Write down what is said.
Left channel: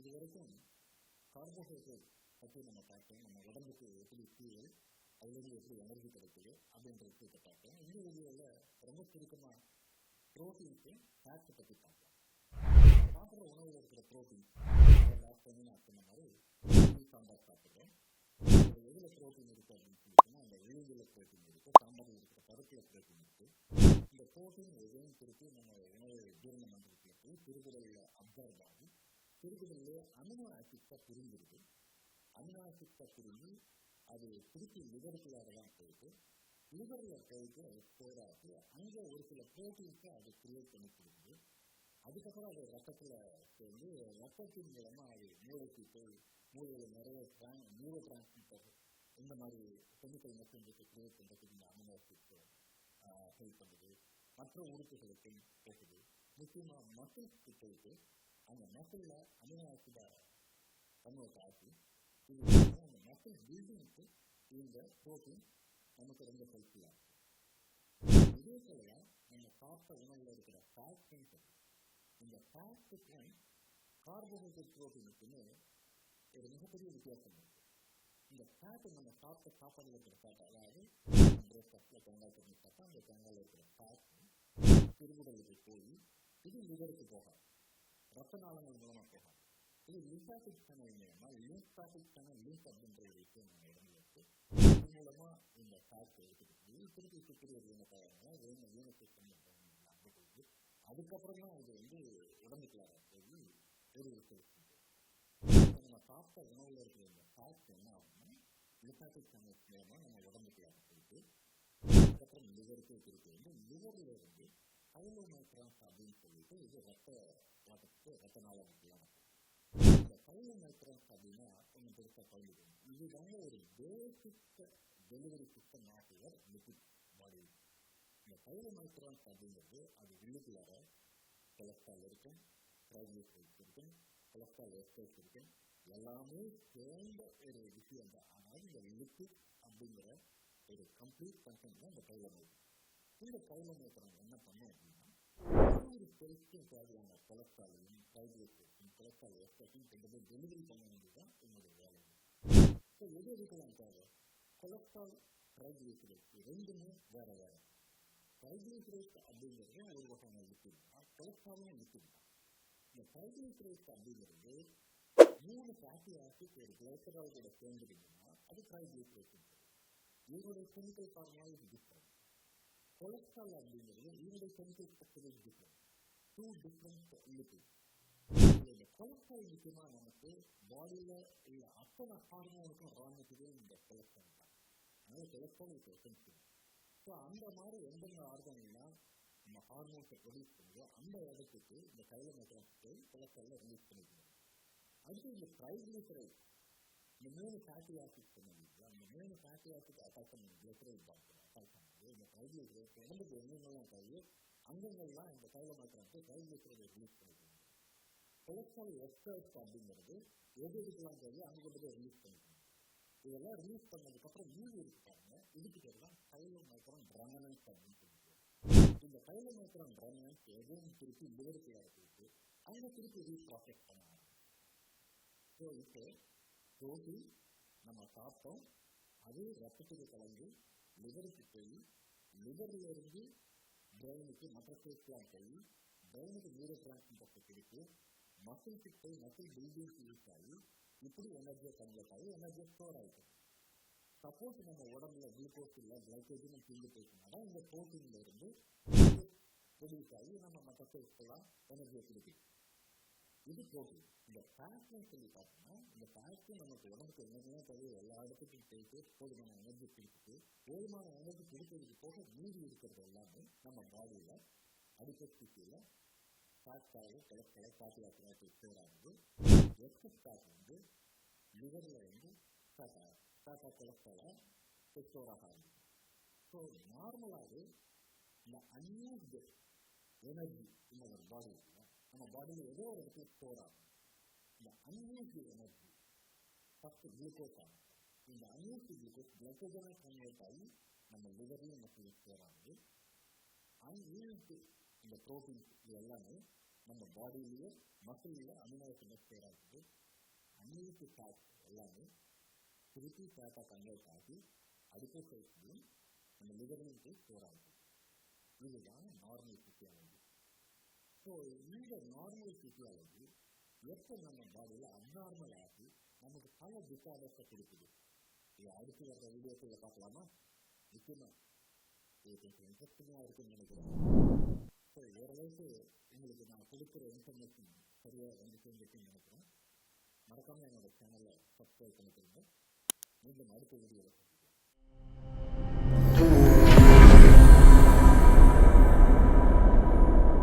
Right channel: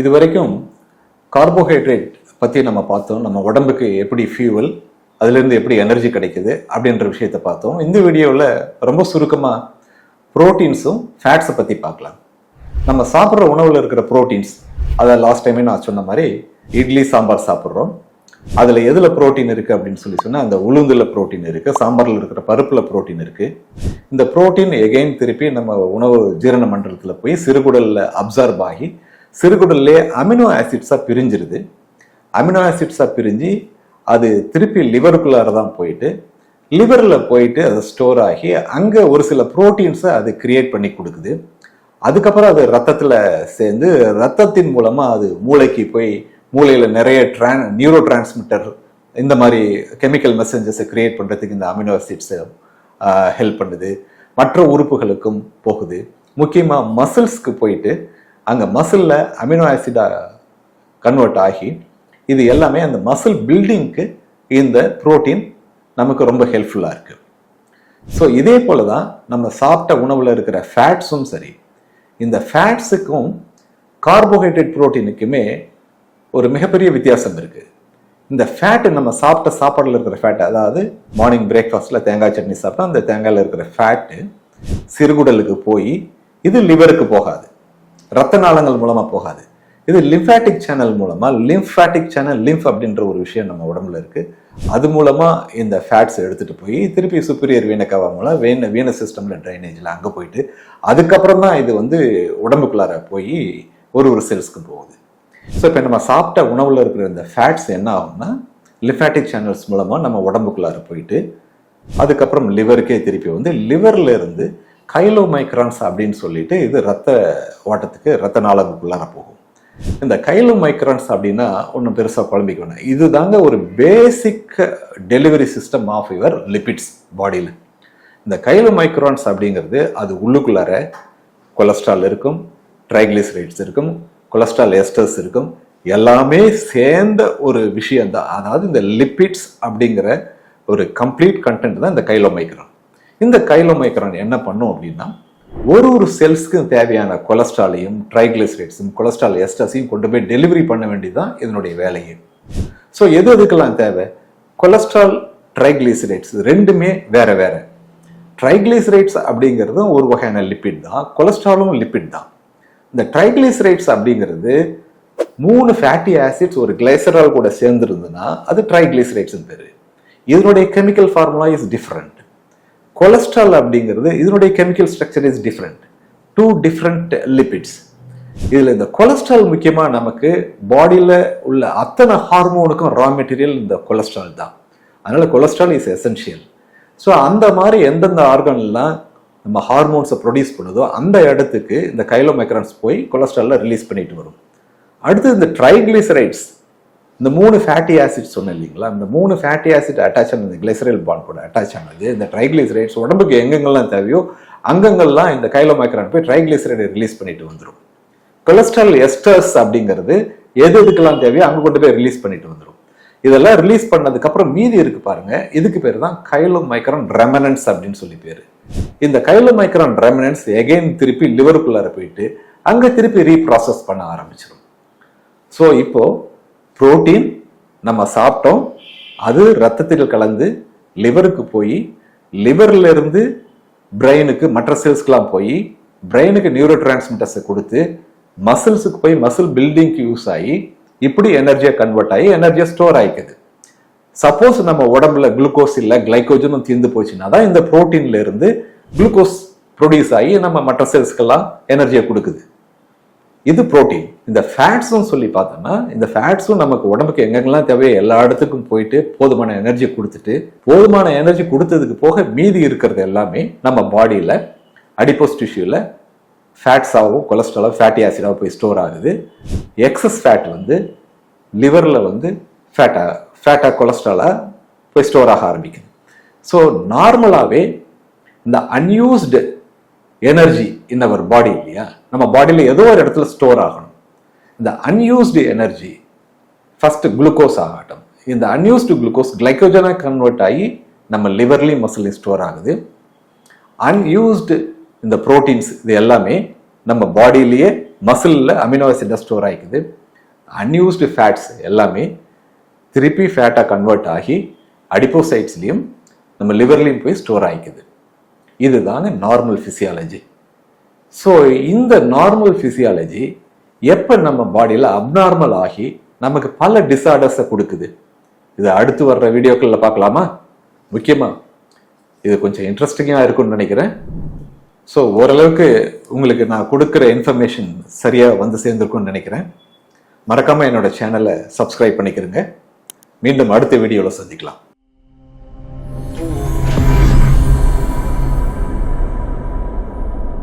இது வரைக்கும் கார்போஹைட்ரேட் பற்றி நம்ம பார்த்தோம். நம்ம உடம்புக்கு எப்படி ஃபியூவல், அதுலேருந்து எப்படி எனர்ஜி கிடைக்குது அப்படின்ற விஷயத்த பார்த்தோம். இந்த வீடியோவில் ரொம்ப சுருக்கமாக ப்ரோட்டீன்ஸும் ஃபேட்ஸை பற்றி பார்க்கலாம். நம்ம சாப்பிட்ற உணவில் இருக்கிற ப்ரோட்டீன்ஸ், அதை லாஸ்ட் டைமே நான் சொன்ன மாதிரி இட்லி சாம்பார் சாப்பிட்றோம். அதில் எதில் ப்ரோட்டீன் இருக்குது அப்படின்னு சொன்னால் அந்த உளுந்தில் ப்ரோட்டீன் இருக்குது, சாம்பாரில் இருக்கிற பருப்பில் ப்ரோட்டீன் இருக்குது. இந்த ப்ரோட்டீன் எகெயின் திருப்பி நம்ம உணவு ஜீரண மண்டலத்தில் போய் சிறுகுடலில் அப்சார்ப் ஆகி சிறுகுடல்லே அமினோ ஆசிட்ஸாக பிரிஞ்சிருது. அமினோ ஆசிட்ஸாக பிரிஞ்சு அது திருப்பி லிவருக்குள்ளார தான் போயிட்டு லிவரில் போயிட்டு அது ஸ்டோர் ஆகி அங்கே ஒரு சில ப்ரோட்டீன்ஸை அது கிரியேட் பண்ணி கொடுக்குது. அதுக்கப்புறம் அது ரத்தத்தில் சேர்ந்து ரத்தத்தின் மூலமாக அது மூளைக்கு போய் மூளையில் நிறைய நியூரோ டிரான்ஸ்மிட்டர் இந்த மாதிரி கெமிக்கல் மெசேஞ்சஸை கிரியேட் பண்ணுறதுக்கு இந்த அமினோ ஆசிட்ஸை ஹெல்ப் பண்ணுது. மற்ற உறுப்புகளுக்கும் போகுது. முக்கியமாக மசில்ஸ்க்கு போயிட்டு அங்கே மசிலில் அமினோ ஆசிடாக கன்வெர்ட் ஆகி இது எல்லாமே அந்த மசில் பில்டிங்க்கு இந்த புரோட்டீன் நமக்கு ரொம்ப ஹெல்ப்ஃபுல்லாக இருக்குது. ஸோ இதே போல தான் நம்ம சாப்பிட்ட உணவில் இருக்கிற ஃபேட்ஸும் சரி. இந்த ஃபேட்ஸுக்கும் கார்போஹைட்ரேட் புரோட்டீனுக்குமே ஒரு மிகப்பெரிய வித்தியாசம் இருக்குது. இந்த ஃபேட்டு நம்ம சாப்பிட்ட சாப்பாடில் இருக்கிற ஃபேட்டு, அதாவது மார்னிங் பிரேக்ஃபாஸ்ட்டில் தேங்காய் சட்னி சாப்பிட்டா அந்த தேங்காயில் இருக்கிற ஃபேட்டு சிறுகுடலுக்கு போய் இது லிவருக்கு போகாது, ரத்த நாளங்கள் மூலமாக போகாது. இது லிம்ஃபாட்டிக் சேனல் மூலமாக, லிம்ஃபாட்டிக் சேனல் லிம்ஃப் அப்படின்ற ஒரு விஷயம் நம்ம உடம்புல இருக்குது. அது மூலமாக இந்த ஃபேட்ஸ் எடுத்துகிட்டு போய் திருப்பி சுப்பீரியர் வீனக்கவா மூலம் வீனஸ் சிஸ்டமில் ட்ரைனேஜில் அங்கே போயிட்டு அதுக்கப்புறம் தான் இது உடம்புக்குள்ளார போய் ஒரு செல்ஸ்க்கு போகுது. ஸோ இப்போ நம்ம சாப்பிட்ட உணவில் இருக்கிற இந்த ஃபேட்ஸ் என்ன ஆகும்னா லிம்ஃபாட்டிக் சேனல்ஸ் மூலமாக நம்ம உடம்புக்குள்ளார போயிட்டு அதுக்கப்புறம் லிவருக்கே திருப்பி லிவரில் இருந்து கைலோமைக்ரான்ஸ் அப்படின்னு சொல்லிட்டு இது ரத்த ஓட்டத்துக்கு ரத்த நாளங்களுக்குள்ளார போகும். இந்த கைலோமைக்ரான்ஸ் அப்படின்னா ஒன்றும் பெருசாக குழம்பிக்கணும். இது தாங்க ஒரு basic delivery system of your lipids பாடியில். இந்த கைலோமைக்ரான்ஸ் அப்படிங்கிறது அது உள்ளுக்குள்ளார கொலஸ்ட்ரால் இருக்கும், ட்ரைக்ளிசரைட்ஸ் இருக்கும், கொலஸ்ட்ரால் எஸ்டர்ஸ் இருக்கும், எல்லாமே சேர்ந்த ஒரு விஷயம்தான். அதாவது இந்த லிபிட்ஸ் அப்படிங்கிற ஒரு கம்ப்ளீட் கண்டென்ட் தான் இந்த கைலோமைக்ரான். இந்த கைலோமைக்ரான் என்ன பண்ணும் அப்படின்னா ஒரு செல்ஸ்க்கு தேவையான கொலஸ்ட்ராலையும் ட்ரைக்ளிசரைட்ஸும் கொலஸ்ட்ரால் எஸ்டர்ஸையும் கொண்டு போய் டெலிவரி பண்ண வேண்டியதுதான் இதனுடைய வேலையே. ஸோ எதுக்கெல்லாம் தேவை? கொலஸ்ட்ரால், ட்ரைக்ளிசரைட்ஸ் ரெண்டுமே வேற வேற. ட்ரைக்ளிசரைட்ஸ் அப்படிங்கிறதும் ஒரு வகையான லிப்பிட் தான், கொலஸ்ட்ராலும் லிப்பிட் தான். இந்த ட்ரைக்ளிசரைட்ஸ் அப்படிங்கிறது 3 ஃபேட்டி ஆசிட்ஸ் ஒரு கிளைசரால் கூட சேர்ந்துருந்துன்னா அது ட்ரைக்ளிசரைட்ஸ் பேரு. இதனுடைய chemical formula is different. Cholesterol அப்படிங்கிறது இதனுடைய chemical structure is different. 2 different lipids. இதில் இந்த கொலஸ்ட்ரால் முக்கியமாக நமக்கு பாடியில் உள்ள அத்தனை ஹார்மோனுக்கும் ரா மெட்டீரியல் இந்த கொலஸ்ட்ரால் தான். அதனால கொலஸ்ட்ரால் இஸ் எசென்ஷியல். ஸோ அந்த மாதிரி எந்தெந்த ஆர்கன்லாம் நம்ம ஹார்மோன்ஸை ப்ரொடியூஸ் பண்ணுதோ அந்த இடத்துக்கு இந்த கைலோமைக்ரான்ஸ் போய் கொலஸ்ட்ராலில் ரிலீஸ் பண்ணிட்டு வரும். அடுத்து இந்த ட்ரைக்ளிசரைட்ஸ், இந்த 3 ஃபேட்டி ஆசிட் சொன்னேன் இல்லைங்களா, இந்த 3 ஃபேட்டி ஆசிட் அட்டாச் ஆனது கிளைசரைல் பாண்ட் கூட அட்டாச் ஆனது இந்த ட்ரைக்ளிசரைட்ஸ் உடம்புக்கு எங்கெங்கெல்லாம் தேவையோ அங்கங்கெல்லாம் இந்த கைலோமைக்ரான் போய் ட்ரைக்ளிசரைடை ரிலீஸ் பண்ணிட்டு வந்துடும். கொலஸ்ட்ரால் எஸ்டர்ஸ் அப்படிங்கிறது எதுக்கெல்லாம் தேவையோ அங்கே கொண்டு போய் ரிலீஸ் பண்ணிட்டு வந்துடும். இதெல்லாம் ரிலீஸ் பண்ணதுக்கு அப்புறம் மீதி இருக்கு பாருங்க, இதுக்கு பேர் தான் கைலோமைக்ரான் ரெமனன்ஸ் அப்படின்னு சொல்லி பேரு. இந்த கைலோமைக்ரான் ரெமனன்ஸ் எகைன் திருப்பி லிவருக்குள்ளார போயிட்டு அங்க திருப்பி ரீப்ராசஸ் பண்ண ஆரம்பிச்சிடும். ஸோ இப்போ புரோட்டீன் நம்ம சாப்பிட்டோம், அது ரத்தத்தில் கலந்து லிவருக்கு போய் லிவர்ல இருந்து பிரெயினுக்கு மற்ற செல்ஸ்க்கெல்லாம் போய் பிரெயினுக்கு நியூரோ டிரான்ஸ்மிட்டர்ஸை கொடுத்து மசில்ஸுக்கு போய் மசில் பில்டிங்க்கு யூஸ் ஆகி இப்படி எனர்ஜியை கன்வெர்ட் ஆகி எனர்ஜியை ஸ்டோர் ஆகிக்குது. சப்போஸ் நம்ம உடம்புல குளுக்கோஸ் இல்லை, கிளைக்கோஜனும் தீர்ந்து போச்சுன்னா தான் இந்த புரோட்டீன்ல இருந்து குளுக்கோஸ் ப்ரொடியூஸ் ஆகி நம்ம மற்ற செல்ஸ்க்கெல்லாம் எனர்ஜியை கொடுக்குது. இது புரோட்டீன். இந்த ஃபேட்ஸும் சொல்லி பார்த்தோம்னா இந்த ஃபேட்ஸும் நமக்கு உடம்புக்கு எங்கெங்கெல்லாம் தேவையோ எல்லா இடத்துக்கும் போயிட்டு போதுமான எனர்ஜி கொடுத்துட்டு போதுமான எனர்ஜி கொடுத்ததுக்கு போக மீதி இருக்கிறது எல்லாமே நம்ம பாடியில் அடிப்போஸ் டிஷ்யூவில் ஃபேட்ஸாகவும் கொலஸ்ட்ராலாகவும் ஃபேட்டி ஆசிடாகவும் போய் ஸ்டோர் ஆகுது. எக்ஸஸ் ஃபேட் லிவரில் ஃபேட்டாக கொலஸ்ட்ராலாக போய் ஸ்டோர் ஆக ஆரம்பிக்குது. ஸோ நார்மலாகவே இந்த அன்யூஸ்டு எனர்ஜி இன் அவர் பாடி இல்லையா, நம்ம பாடியில் ஏதோ ஒரு இடத்துல ஸ்டோர் ஆகணும். இந்த அன்யூஸ்டு எனர்ஜி ஃபர்ஸ்ட் குளுக்கோஸ் ஆகட்டும். இந்த அன்யூஸ்டு குளுக்கோஸ் கிளைக்கோஜனாக கன்வெர்ட் ஆகி நம்ம லிவர்லையும் மசிலையும் ஸ்டோர் ஆகுது. அன்யூஸ்டு இந்த புரோட்டீன்ஸ் இது எல்லாமே நம்ம பாடியிலேயே மசிலில் அமினோ ஆசிடாக ஸ்டோர் ஆகிக்குது. அன்யூஸ்டு ஃபேட்ஸ் எல்லாமே திருப்பி ஃபேட்டாக கன்வெர்ட் ஆகி அடிப்போசைட்ஸ்லையும் நம்ம லிவர்லையும் போய் ஸ்டோர் ஆகிக்குது. இதுதாங்க நார்மல் ஃபிசியாலஜி. ஸோ இந்த நார்மல் ஃபிசியாலஜி எப்போ நம்ம பாடியில் அப்நார்மல் ஆகி நமக்கு பல டிஸார்டர்ஸை கொடுக்குது, இது அடுத்து வர்ற வீடியோக்களில் பார்க்கலாமா? முக்கியமாக இது கொஞ்சம் இன்ட்ரெஸ்டிங்காக இருக்கும்னு நினைக்கிறேன். ஸோ ஓரளவுக்கு உங்களுக்கு நான் கொடுக்குற இன்ஃபர்மேஷன் சரியாக வந்து சேர்ந்துருக்கும்னு நினைக்கிறேன். மறக்காமல் என்னோட சேனலை சப்ஸ்கிரைப் பண்ணிக்கிறேங்க. மீண்டும் அடுத்த வீடியோவில் சந்திக்கலாம்.